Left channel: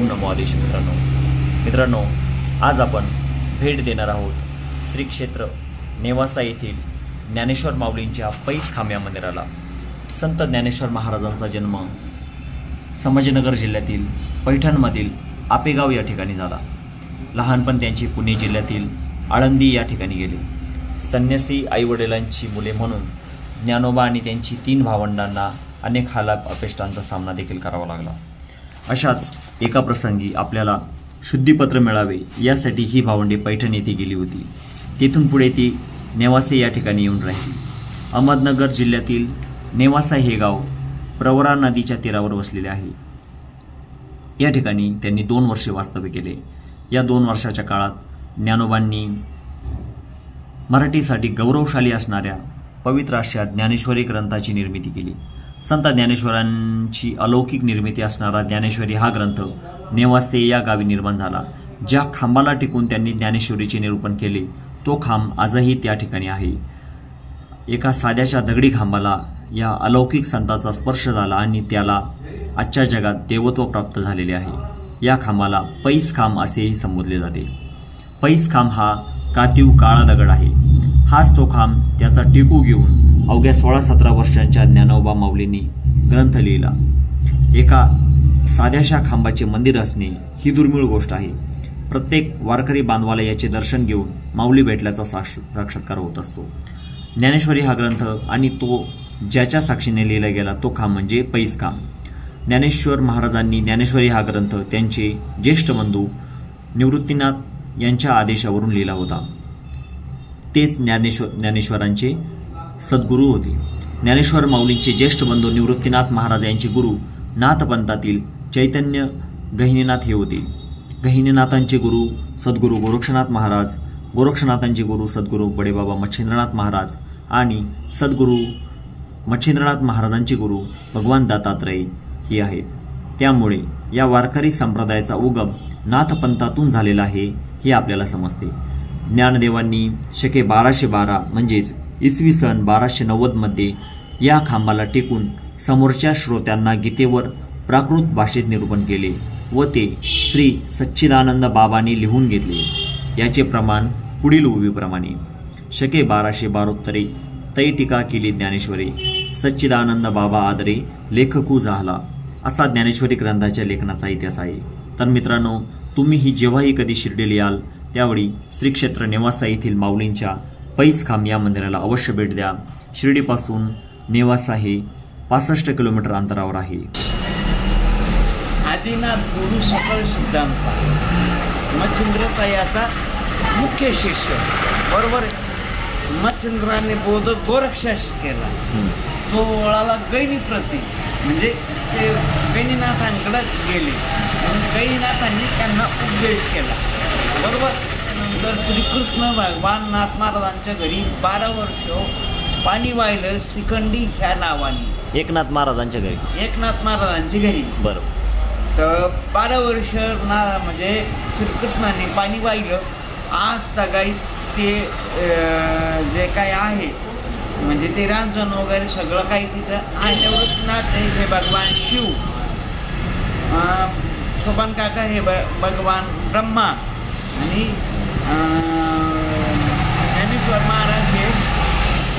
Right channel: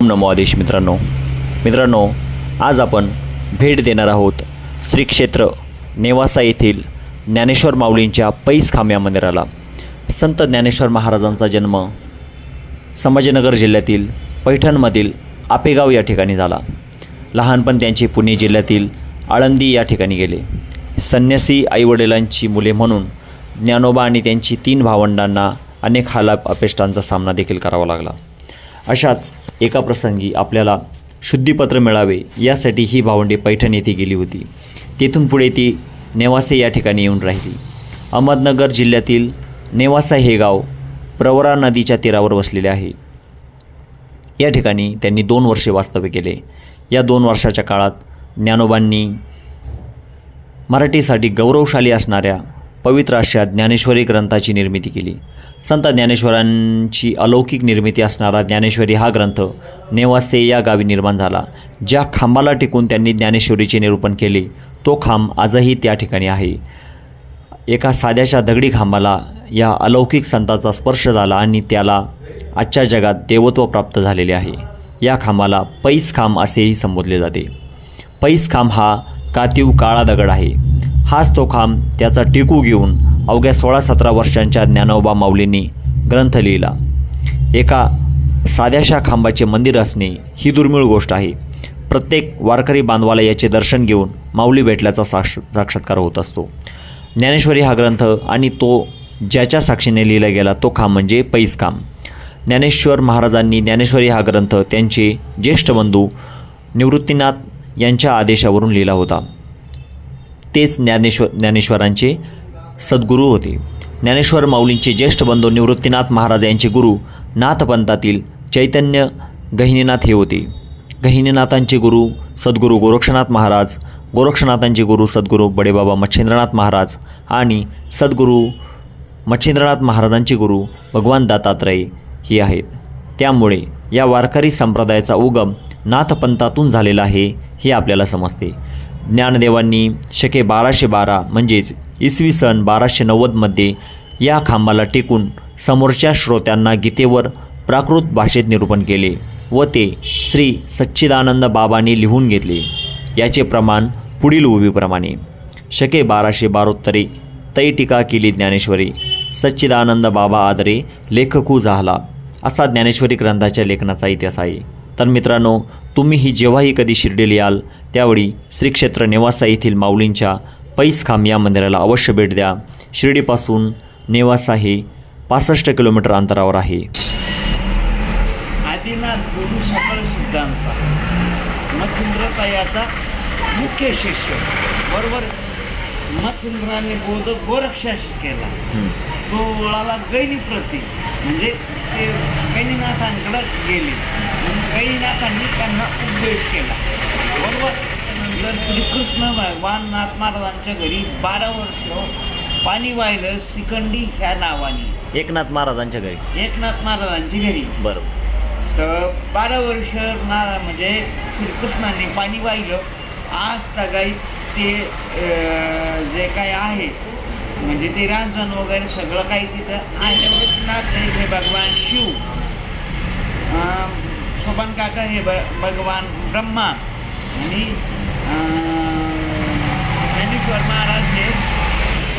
नमो आदेश मित्रांनो आज आपण भेट देणार आहोत श्री क्षेत्र नेवासा येथील ज्ञानेश्वर माऊलींच्या पैस खांब या मंदिराला। संत ज्ञानेश्वर महाराजांचा जन्म संभाजीनगर जिल्ह्यातील पैठणमधील आपेगाव या ठिकाणी झाला। लहानपण त्यांचे पुणे जिल्ह्यातील आळंदी या ठिकाणी गेले। संन्यासी आईवडिलांची मुले म्हणून ज्ञानोबा आणि त्यांची 3 भावंडांना अनेक हालाप अपेष्टांचा सामना देखील करावा लागला। अशाच एका प्रसंगी आपल्याला शुद्धीपत्र मिळावे यासाठी ही भावंडे पैठण येथे गेली होती। तेथून पुढे ती नेवासे या ठिकाणी येऊन राहिली। अहमदनगर जिल्ह्यातील नेवासा हे गाव प्रवरा नदीच्या तीरावर वसलेले आहे। या ठिकाणी त्यांनी 2 वर्षे वास्तव्य केले। या 2 वर्षाच्या काळात ज्ञानोबांनी मराठीसाठी गौरवशाली असणाऱ्या पवित्र अशा ज्ञानेश्वरी ग्रंथाची निर्मिती केली। संत ज्ञानेश्वरांची अलौकिक निर्मिती असणारा ज्ञानेश्वरी हा ग्रंथ नेवासे या गावी निर्माण झाला। ज्या खांबाला टिकून त्यांनी ज्ञानेश्वरीचे निरूपण केले तो खांब आजही त्या ठिकाणी आहे। एका साध्याशा दगडी खांबाला या अलौकिक संताचा स्पर्श झाला आणि त्याला आजच्या जगात देवत्व प्राप्त झालेले आहे। या खांबाला पैस खांब असेही संबोधले जाते। पैस खांब हा कातीव काळा दगड आहे। हाच तो खांब त्याचा टेकू घेऊन अवघ्या 16-17 वर्षांच्या ज्ञानोबा माऊलींनी ग्रंथ लिहिला। एका साध्याशा खांबाचे मंदिर असणे ही दुर्मिळ गोष्ट आहे। प्रत्येक वारकरी बांधवाला याचे दर्शन घेऊन माऊली भेटल्याचा साक्षात्कार होत असतो। ज्ञानेश्वरी हा ग्रंथ आणि तो ज्याच्या साक्षीने लिहिला गेला तो खांब म्हणजे पैस खांब। ज्ञानेश्वर महाराजांनी ज्ञानेश्वरी हा ग्रंथ त्यांचे ज्येष्ठ बंधू निवृत्तीनाथ यांच्या आदेशावरून लिहिला होता। तेच ज्ञानेश्वरांचे सद्गुरू होते। ज्ञानेश्वर माऊलींचे ज्येष्ठ बंधू निवृत्तीनाथ महाराज यांचे गुरु नाथपंथातील चैतन्य गहिनीनाथ हे होते। गहिनीनाथांचे गुरु सद्गुरू गोरक्षनाथ महाराज, गोरक्षनाथांचे गुरु सद्गुरू बडेबाबा मच्छिंद्रनाथ महाराज आणि सद्गुरू मच्छिंद्रनाथ महाराजांचे गुरु भगवान दत्तात्रय हे आहेत। त्यामुळे या वारकरी संप्रदायाचा उगम नाथपंथातून झालेला आहे हे आपल्याला समजते। ज्ञानदेवांनी शके 1212 म्हणजेच इसवी सन 1290 मध्ये या खांबाला टेकून समोरच्या श्रोत्यांना गीतेवर प्राकृत भाषेत निरूपण केले व ते श्री सच्चिदानंद बाबांनी लिहून घेतले। याचे प्रमाण पुढील उभीप्रमाणे शके 1272 तै टीका केली ज्ञानेश्वरी सच्चिदानंद बाबा आदरे लेखकू झाला असा ज्ञानेश्वरी ग्रंथाच्या लेखनाचा इतिहास आहे। तर मित्रांनो, तुम्हीही जेव्हाही कधी शिर्डीला याल त्यावेळी श्री क्षेत्र नेवासा येथील माऊलींच्या पैस खांब या मंदिराला अवश्य भेट द्या। शिर्डीपासून नेवासा हे 65 किलोमीटर अंतरावर आहे। आदिनाथ गुरु सकळ सिद्धांचा मच्छिंद्रतायाचा मुख्य शिष्य बरोबर। मच्छिंद्राने बोध गोरक्षास केला। तो वळाला गैनी प्रती म्हणजे ते गैनीनाथांकडे गेले। गैनीनाथांनी त्यांना उपदेश केला बरोबर। नंतर श्रीकृष्ण भगवान नाथ महाराजांच्या घरी 12 वर्ष पाणी वाहिलं शिखंडी ह्या नावाने एकनाथ महाराजांच्या घरी बरोबर। तर 12 वर्ष म्हणजे श्रीकृष्णाने पाणी वाहिलं। आज तगाई ते जे काय आहे म्हणजे ते रांजण वगैरे सगळं काही तिथं आहे। वृत्तनाथ हे भगवान शिव, सोपान काका हे भगवान ब्रह्मा आणि ज्ञानेश्वर महाराज हे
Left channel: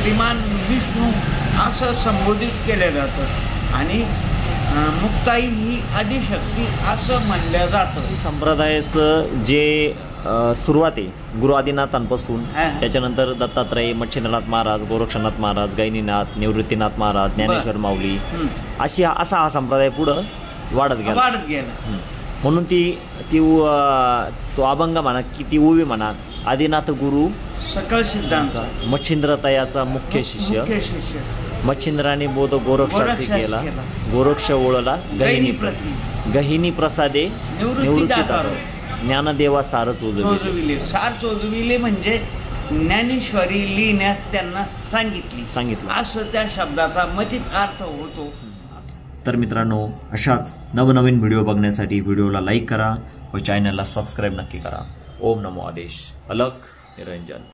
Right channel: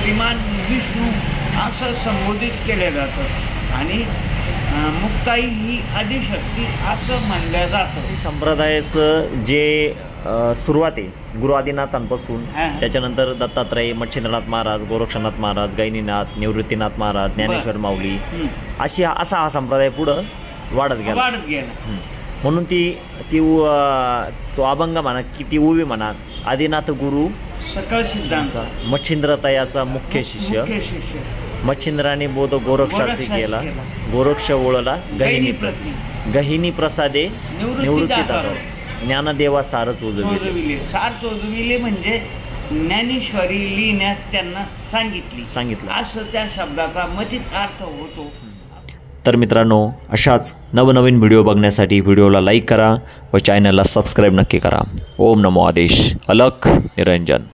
श्रीमान विष्णू असं संबोधित केलं जातं आणि मुक्ताई ही आदिशक्ती असं म्हणलं जातं। संप्रदायाचं जे सुरुवात आहे गुरु आदिनाथांपासून, त्याच्यानंतर दत्तात्रय, मच्छिंद्रनाथ महाराज, गोरक्षनाथ महाराज, गैनीनाथ, निवृत्तीनाथ महाराज, ज्ञानेश्वर माऊली असा हा संप्रदाय पुढं वाढत गेला। म्हणून तो अभंग म्हणा की ती उभी म्हणा आदिनाथ गुरु सकळ सिद्धांचा मच्छिंद्रतायाचा मुख्य शिष्य मच्छिंद्राने बोध गोरक्षासी केला गोरक्ष ओळला गहिनी प्रसादे निवृत्तीदाता ज्ञानदेवा सार चोजविले म्हणजे ज्ञानेश्वरी लिहिण्यास त्यांना सांगितलं असं त्या शब्दाचा मथित अर्थ होतो। तर मित्रांनो, अशाच नवनवीन व्हिडिओ बघण्यासाठी व्हिडिओला लाईक करा व चॅनलला सबस्क्राईब नक्की करा। ओम नमो आदेश। अलख निरंजन।